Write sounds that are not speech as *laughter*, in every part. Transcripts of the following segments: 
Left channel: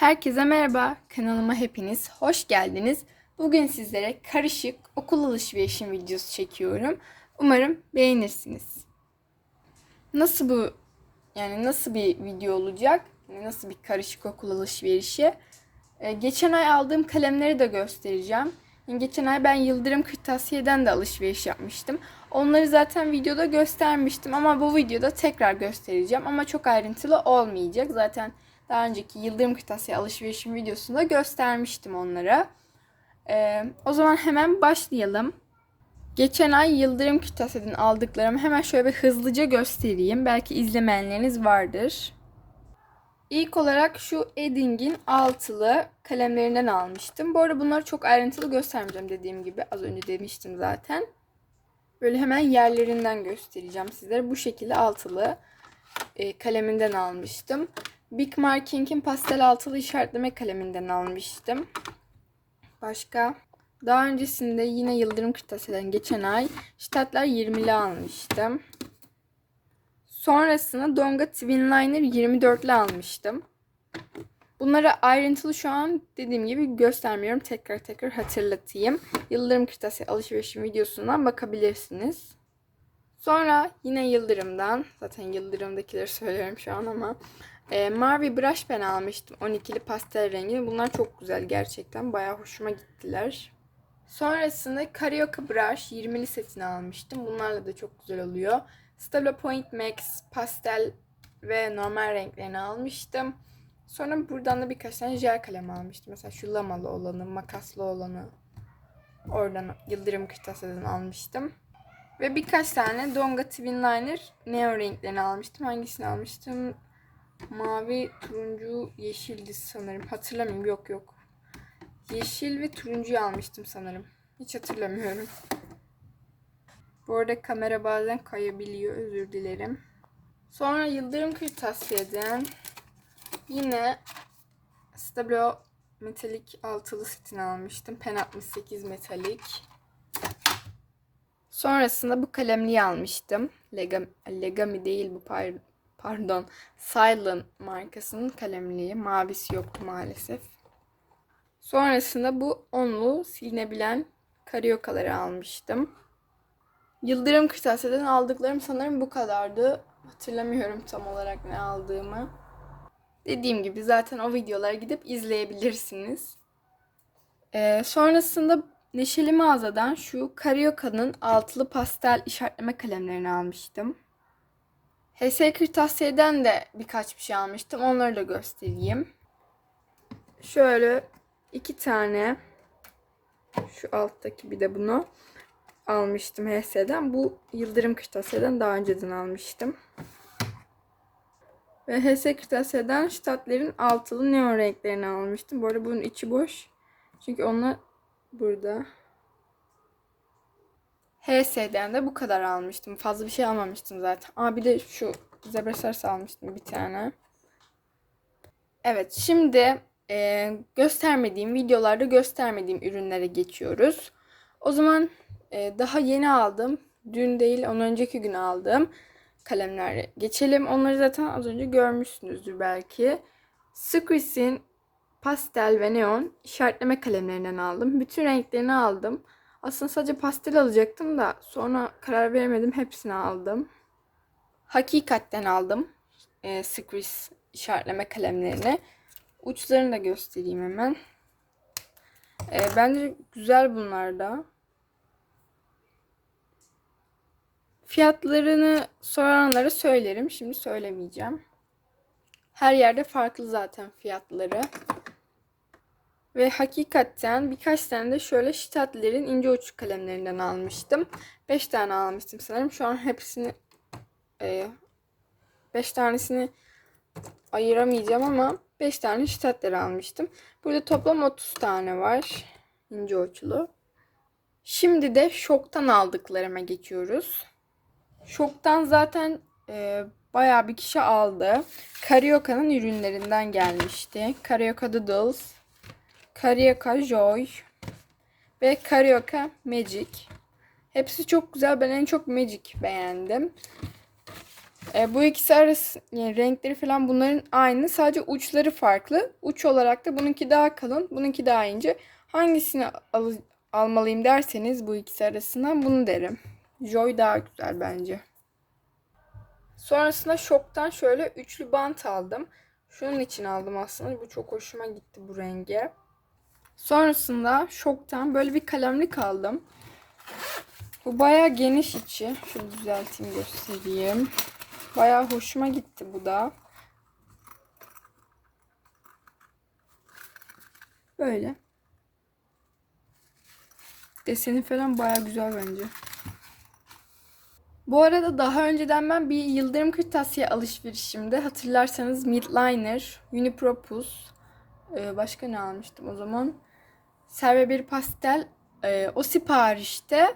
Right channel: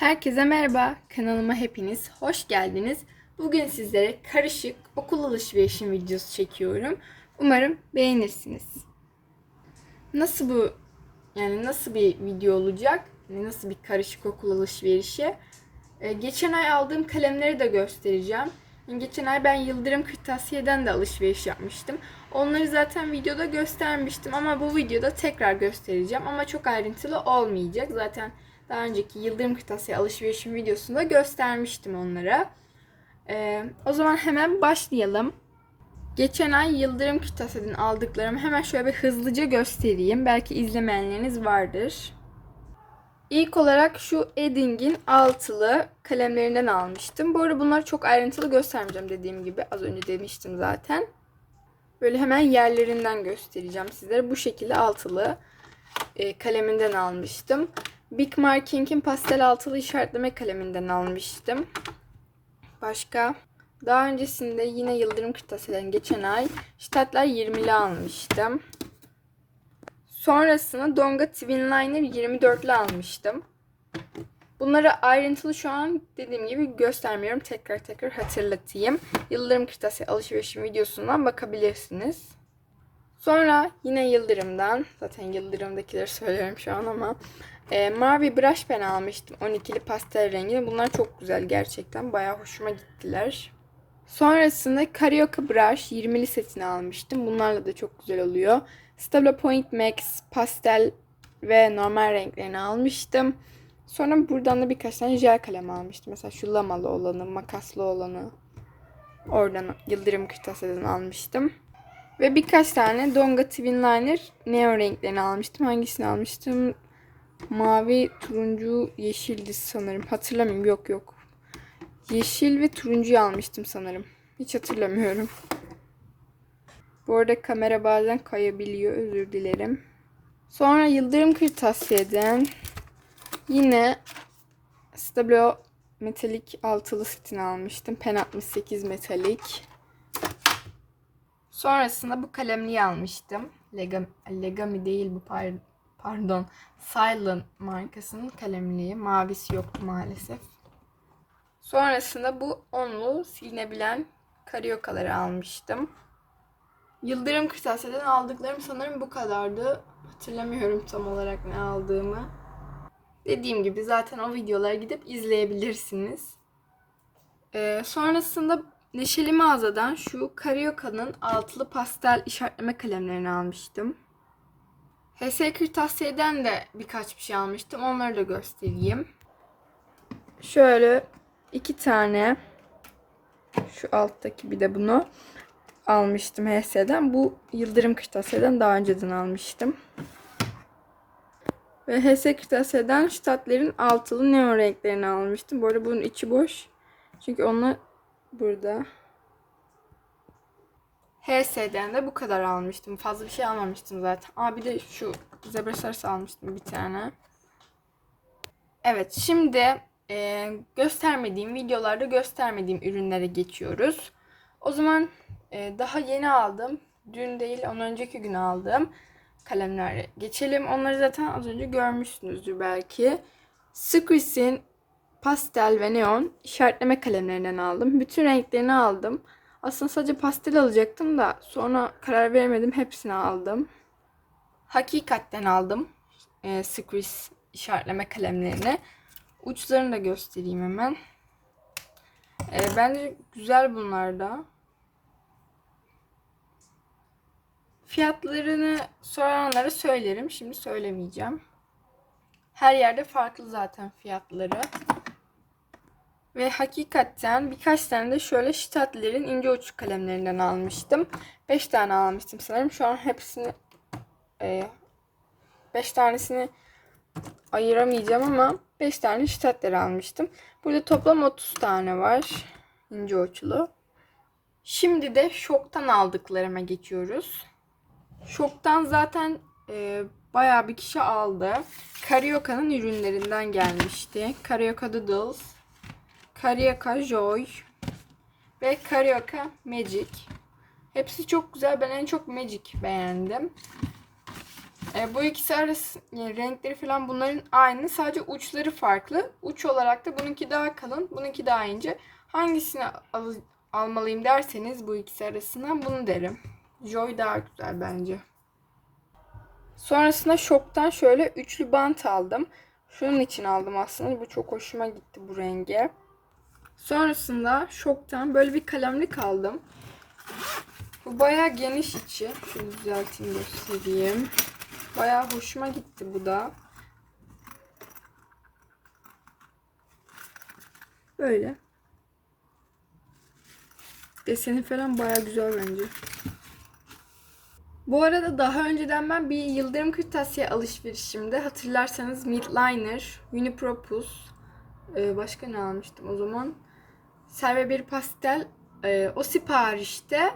Herkese merhaba, kanalıma hepiniz hoş geldiniz. Bugün sizlere karışık okul alışverişim videosu çekiyorum. Umarım beğenirsiniz. Nasıl bu, yani nasıl bir video olacak? Nasıl bir karışık okul alışverişi? Ee, geçen ay aldığım kalemleri de göstereceğim. Yani geçen ay ben Yıldırım Kırtasiye'den de alışveriş yapmıştım. Onları zaten videoda göstermiştim ama bu videoda tekrar göstereceğim. Ama çok ayrıntılı olmayacak. Zaten daha önceki Yıldırım Kırtasiye alışverişim videosunda göstermiştim onlara. Ee, o zaman hemen başlayalım. Geçen ay Yıldırım Kırtasiye'den aldıklarımı hemen şöyle bir hızlıca göstereyim. Belki izlemeyenleriniz vardır. İlk olarak şu Edding'in altılı kalemlerinden almıştım. Bu arada bunları çok ayrıntılı göstermeyeceğim dediğim gibi. Az önce demiştim zaten. Böyle hemen yerlerinden göstereceğim sizlere. Bu şekilde altılı e, kaleminden almıştım. Big Marking'in pastel altılı işaretleme kaleminden almıştım. Başka? Daha öncesinde yine Yıldırım Kırtasiye'den geçen ay Stadtler 20'li almıştım. Sonrasında Donga Twin Liner 24'lü almıştım. Bunları ayrıntılı şu an dediğim gibi göstermiyorum. Tekrar tekrar hatırlatayım. Yıldırım Kırtasiye alışverişim videosundan bakabilirsiniz. Sonra yine Yıldırım'dan, zaten Yıldırım'dakileri *laughs* söylüyorum şu an ama e, mavi brush pen almıştım 12'li pastel rengini. Bunlar çok güzel gerçekten. Bayağı hoşuma gittiler. Sonrasında Carioca brush 20'li setini almıştım. Bunlarla da çok güzel oluyor. Stabilo Point Max pastel ve normal renklerini almıştım. Sonra buradan da birkaç tane jel kalem almıştım. Mesela şu lamalı olanı, makaslı olanı. Oradan Yıldırım Kırtasiye'den almıştım. Ve birkaç tane Donga Twin Liner neo renklerini almıştım. Hangisini almıştım? Mavi, turuncu, yeşildi sanırım. Hatırlamıyorum. Yok yok. Yeşil ve turuncuyu almıştım sanırım. Hiç hatırlamıyorum. Bu arada kamera bazen kayabiliyor. Özür dilerim. Sonra Yıldırım Kırtasiye'den yine Stabilo metalik altılı setini almıştım. Pen 68 metalik. Sonrasında bu kalemliği almıştım. Legami, Legami değil bu par- pardon. Silent markasının kalemliği. Mavisi yoktu maalesef. Sonrasında bu onlu silinebilen karyokaları almıştım. Yıldırım Kırtasiye'den aldıklarım sanırım bu kadardı. Hatırlamıyorum tam olarak ne aldığımı. Dediğim gibi zaten o videolara gidip izleyebilirsiniz. Ee, sonrasında Neşeli mağazadan şu Carioca'nın altılı pastel işaretleme kalemlerini almıştım. HS Kırtasiye'den de birkaç bir şey almıştım. Onları da göstereyim. Şöyle iki tane şu alttaki bir de bunu almıştım HS'den. Bu Yıldırım Kırtasiye'den daha önceden almıştım. Ve HS Kırtasiye'den Stadler'in altılı neon renklerini almıştım. Bu arada bunun içi boş. Çünkü onlar burada. HS'den de bu kadar almıştım. Fazla bir şey almamıştım zaten. Aa bir de şu zebra sarısı almıştım bir tane. Evet şimdi e, göstermediğim videolarda göstermediğim ürünlere geçiyoruz. O zaman e, daha yeni aldım. Dün değil ondan önceki gün aldım kalemlere geçelim. Onları zaten az önce görmüşsünüzdür belki. Squeeze'in pastel ve neon işaretleme kalemlerinden aldım. Bütün renklerini aldım. Aslında sadece pastel alacaktım da sonra karar veremedim. Hepsini aldım. Hakikatten aldım. E, Squeeze işaretleme kalemlerini. Uçlarını da göstereyim hemen. E, bence güzel bunlar da. Fiyatlarını soranlara söylerim. Şimdi söylemeyeceğim. Her yerde farklı zaten fiyatları. Ve hakikaten birkaç tane de şöyle Stadler'in ince uç kalemlerinden almıştım. 5 tane almıştım sanırım. Şu an hepsini 5 e, tanesini ayıramayacağım ama 5 tane Stadler almıştım. Burada toplam 30 tane var. ince uçlu. Şimdi de şoktan aldıklarıma geçiyoruz. Şoktan zaten e, bayağı bir kişi aldı. Carioca'nın ürünlerinden gelmişti. Carioca Doodles, Carioca Joy ve Carioca Magic. Hepsi çok güzel. Ben en çok Magic beğendim. E, bu ikisi arası yani renkleri falan bunların aynı. Sadece uçları farklı. Uç olarak da bununki daha kalın, bununki daha ince. Hangisini al- almalıyım derseniz bu ikisi arasından bunu derim. Joy daha güzel bence. Sonrasında Şok'tan şöyle üçlü bant aldım. Şunun için aldım aslında. Bu çok hoşuma gitti bu renge. Sonrasında Şok'tan böyle bir kalemlik aldım. Bu bayağı geniş içi. Şöyle düzelteyim göstereyim. Bayağı hoşuma gitti bu da. Böyle. Deseni falan bayağı güzel bence. Bu arada daha önceden ben bir Yıldırım Kırtasiye alışverişimde hatırlarsanız Midliner, Unipropus, e, başka ne almıştım o zaman? Serve bir pastel. e, o siparişte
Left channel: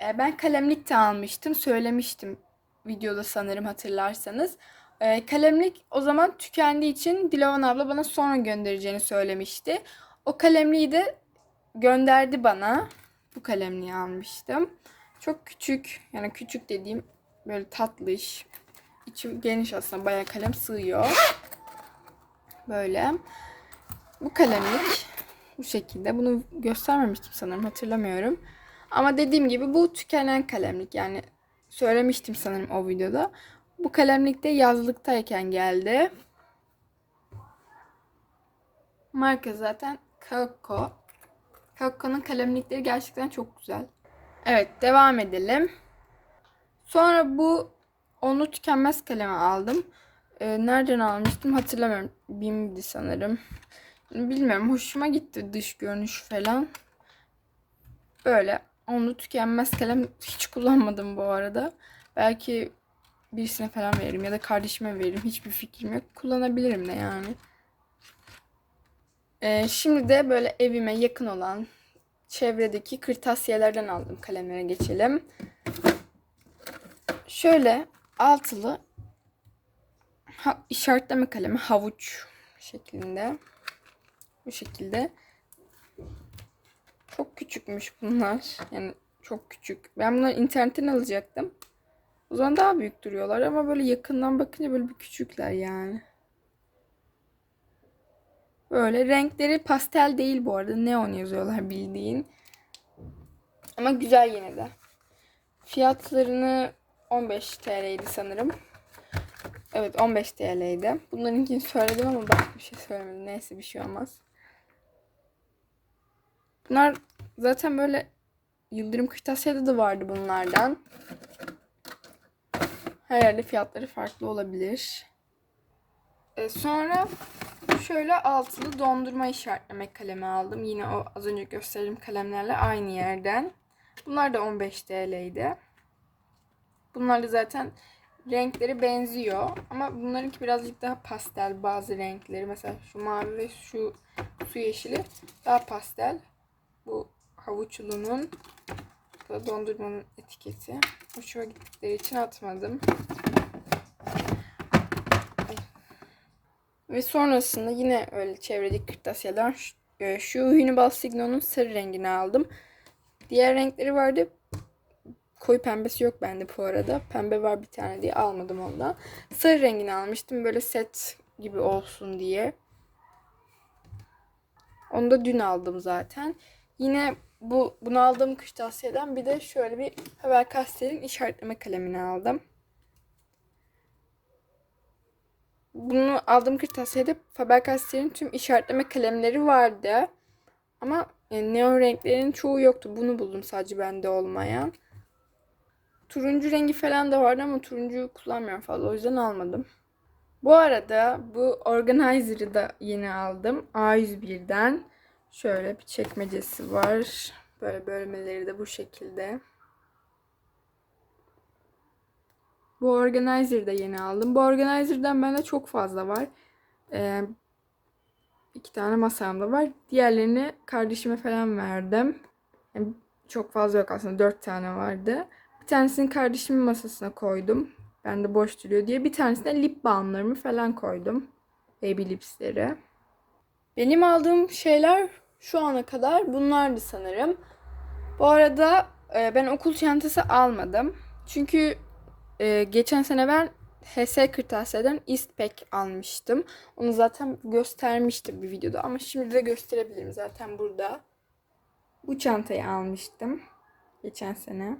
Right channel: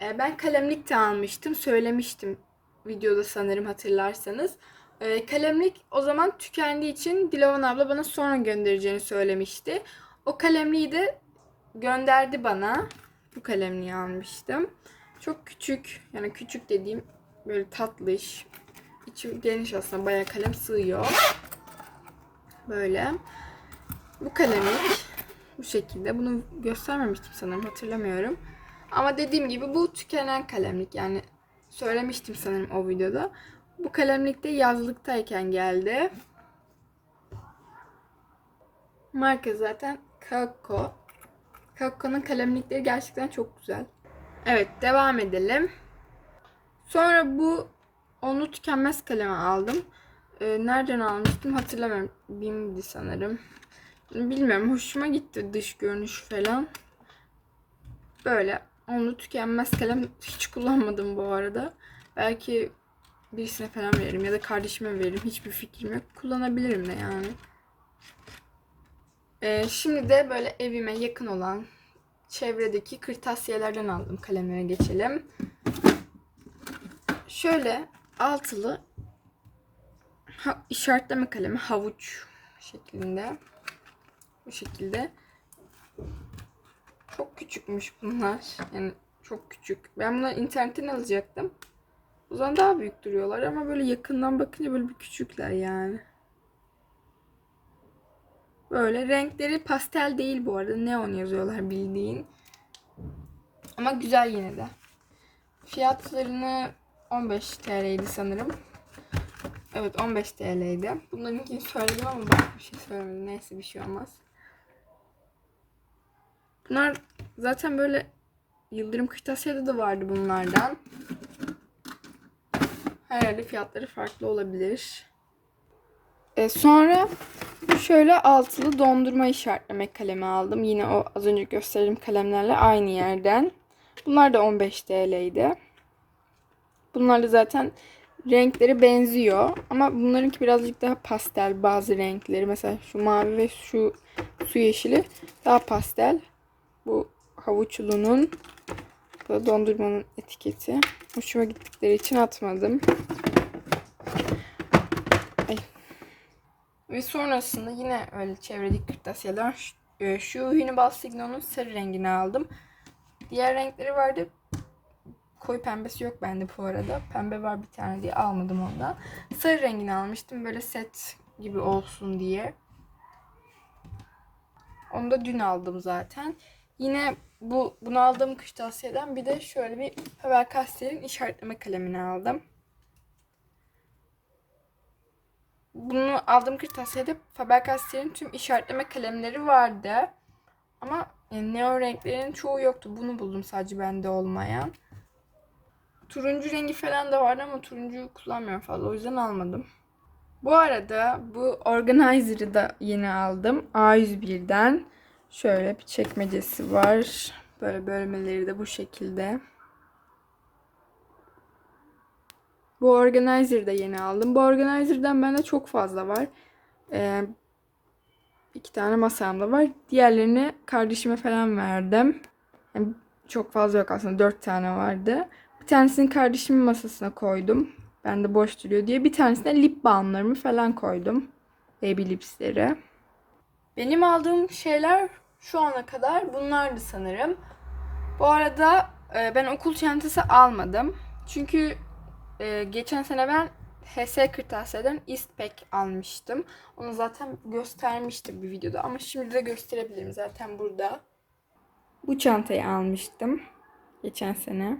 e, ben kalemlik de almıştım. Söylemiştim videoda sanırım hatırlarsanız. E, kalemlik o zaman tükendiği için Dilovan abla bana sonra göndereceğini söylemişti. O kalemliği de gönderdi bana. Bu kalemliği almıştım. Çok küçük yani küçük dediğim böyle tatlış. İçim geniş aslında bayağı kalem sığıyor. Böyle. Bu kalemlik bu şekilde. Bunu göstermemiştim sanırım hatırlamıyorum. Ama dediğim gibi bu tükenen kalemlik yani söylemiştim sanırım o videoda. Bu kalemlik de yazlıktayken geldi. Marka zaten Kako. Kako'nun kalemlikleri gerçekten çok güzel. Evet devam edelim. Sonra bu onu tükenmez kalemi aldım. Ee, nereden almıştım hatırlamıyorum. Bim'di sanırım. Bilmiyorum hoşuma gitti dış görünüş falan. Böyle onu tükenmez kalem hiç kullanmadım bu arada. Belki birisine falan veririm ya da kardeşime veririm. Hiçbir fikrim yok. Kullanabilirim de yani. Ee, şimdi de böyle evime yakın olan çevredeki kırtasiyelerden aldım kalemlere geçelim. Şöyle altılı ha, işaretleme kalemi havuç şeklinde. Bu şekilde. Çok küçükmüş bunlar. Yani çok küçük. Ben bunları internetten alacaktım. O zaman daha büyük duruyorlar ama böyle yakından bakınca böyle bir küçükler yani. Böyle renkleri pastel değil bu arada. Neon yazıyorlar bildiğin. Ama güzel yine de. Fiyatlarını 15 TL'ydi sanırım. Evet 15 TL'ydi. Bunlarınkini söyledim ama ben bir şey söylemedim. Neyse bir şey olmaz. Bunlar zaten böyle Yıldırım Kırtasiye'de de vardı bunlardan. Herhalde fiyatları farklı olabilir. E, sonra şöyle altılı dondurma işaretleme kalemi aldım. Yine o az önce gösterdiğim kalemlerle aynı yerden. Bunlar da 15 TL'ydi. Bunlar da zaten renkleri benziyor. Ama bunlarınki birazcık daha pastel bazı renkleri. Mesela şu mavi ve şu su yeşili daha pastel. Bu havuçlunun da dondurmanın etiketi. Hoşuma gittikleri için atmadım. Ay. Ve sonrasında yine öyle çevredeki kırtasiyeler şu, e, şu Hünibal Signo'nun sarı rengini aldım. Diğer renkleri vardı. Koyu pembesi yok bende bu arada. Pembe var bir tane diye almadım ondan. Sarı rengini almıştım böyle set gibi olsun diye. Onu da dün aldım zaten. Yine bu bunu aldığım kırtasiyeden bir de şöyle bir Faber-Castell'in işaretleme kalemini aldım. Bunu aldığım kırtasiyede Faber-Castell'in tüm işaretleme kalemleri vardı. Ama yani neon renklerin çoğu yoktu. Bunu buldum sadece bende olmayan. Turuncu rengi falan da vardı ama turuncuyu kullanmıyorum fazla. O yüzden almadım. Bu arada bu organizer'ı da yeni aldım. A101'den. Şöyle bir çekmecesi var. Böyle bölmeleri de bu şekilde. Bu organizer'ı da yeni aldım. Bu organizer'dan bende çok fazla var. Ee, iki tane masamda var. Diğerlerini kardeşime falan verdim. Yani çok fazla yok aslında. Dört tane vardı. Bir tanesini kardeşimin masasına koydum. Ben de boş duruyor diye. Bir tanesine lip balmlarımı falan koydum. Baby lipsleri. Benim aldığım şeyler şu ana kadar bunlardı sanırım. Bu arada e, ben okul çantası almadım. Çünkü e, geçen sene ben HS Kırtasiye'den Eastpak almıştım. Onu zaten göstermiştim bir videoda ama şimdi de gösterebilirim zaten burada. Bu çantayı almıştım geçen sene.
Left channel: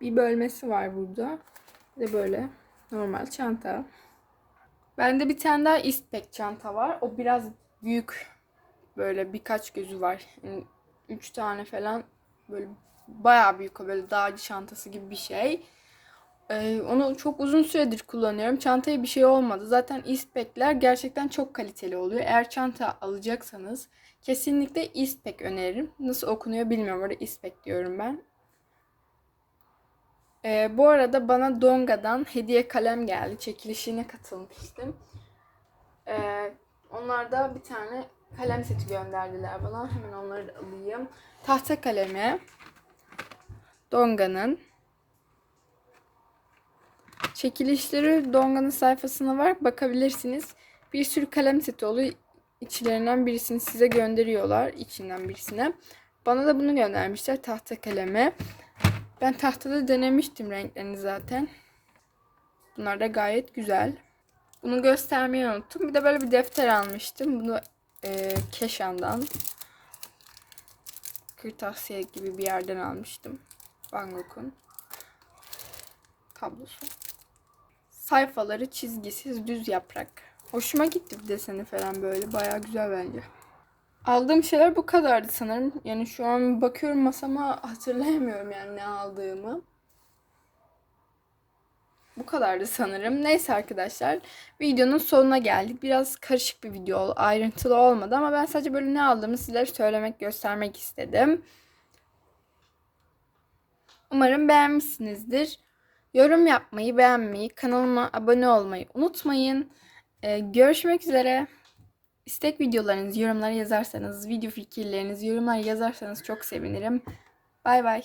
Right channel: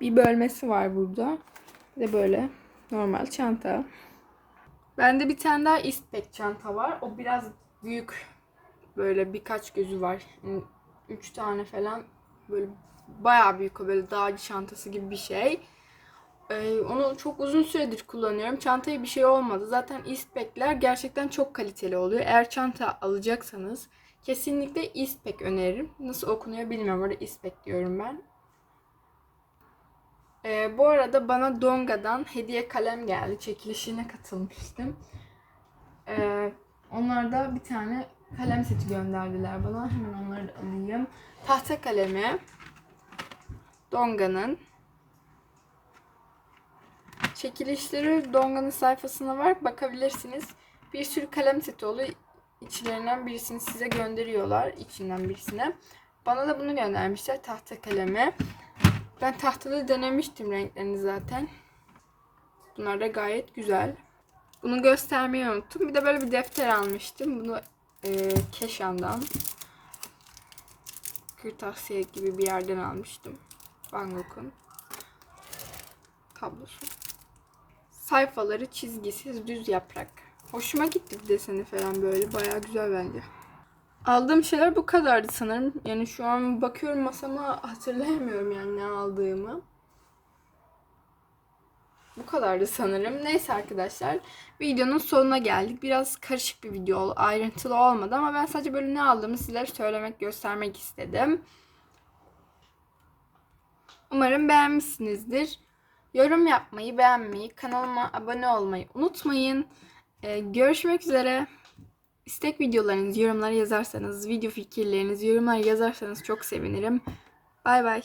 Bir bölmesi var burada. Bir böyle normal çanta. Bende bir tane daha Eastpak çanta var. O biraz büyük. Böyle birkaç gözü var. Yani üç tane falan. Böyle bayağı büyük o böyle dağcı çantası gibi bir şey. Ee, onu çok uzun süredir kullanıyorum. Çantaya bir şey olmadı. Zaten Eastpak'ler gerçekten çok kaliteli oluyor. Eğer çanta alacaksanız kesinlikle Eastpak öneririm. Nasıl okunuyor bilmiyorum. Orada Eastpak diyorum ben. Ee, bu arada bana Donga'dan hediye kalem geldi. Çekilişine katılmıştım. Ee, onlar da bir tane kalem seti gönderdiler bana. Hemen onları da alayım. Tahta kalemi. Donga'nın. Çekilişleri Donga'nın sayfasına var. Bakabilirsiniz. Bir sürü kalem seti oluyor. İçlerinden birisini size gönderiyorlar. içinden birisine. Bana da bunu göndermişler. Tahta kalemi. Ben tahtada denemiştim renklerini zaten. Bunlar da gayet güzel. Bunu göstermeyi unuttum. Bir de böyle bir defter almıştım. Bunu e, Keşan'dan kırtasiye gibi bir yerden almıştım. Van Gogh'un kablosu. Sayfaları çizgisiz düz yaprak. Hoşuma gitti bir deseni falan böyle. Bayağı güzel bence. Aldığım şeyler bu kadardı sanırım. Yani şu an bakıyorum masama hatırlayamıyorum yani ne aldığımı. Bu kadardı sanırım. Neyse arkadaşlar. Videonun sonuna geldik. Biraz karışık bir video. Ayrıntılı olmadı ama ben sadece böyle ne aldığımı sizlere söylemek, göstermek istedim. Umarım beğenmişsinizdir. Yorum yapmayı, beğenmeyi, kanalıma abone olmayı unutmayın. Ee, görüşmek üzere. İstek videolarınızı yorumlara yazarsanız, video fikirlerinizi yorumlara yazarsanız çok sevinirim. Bay bay.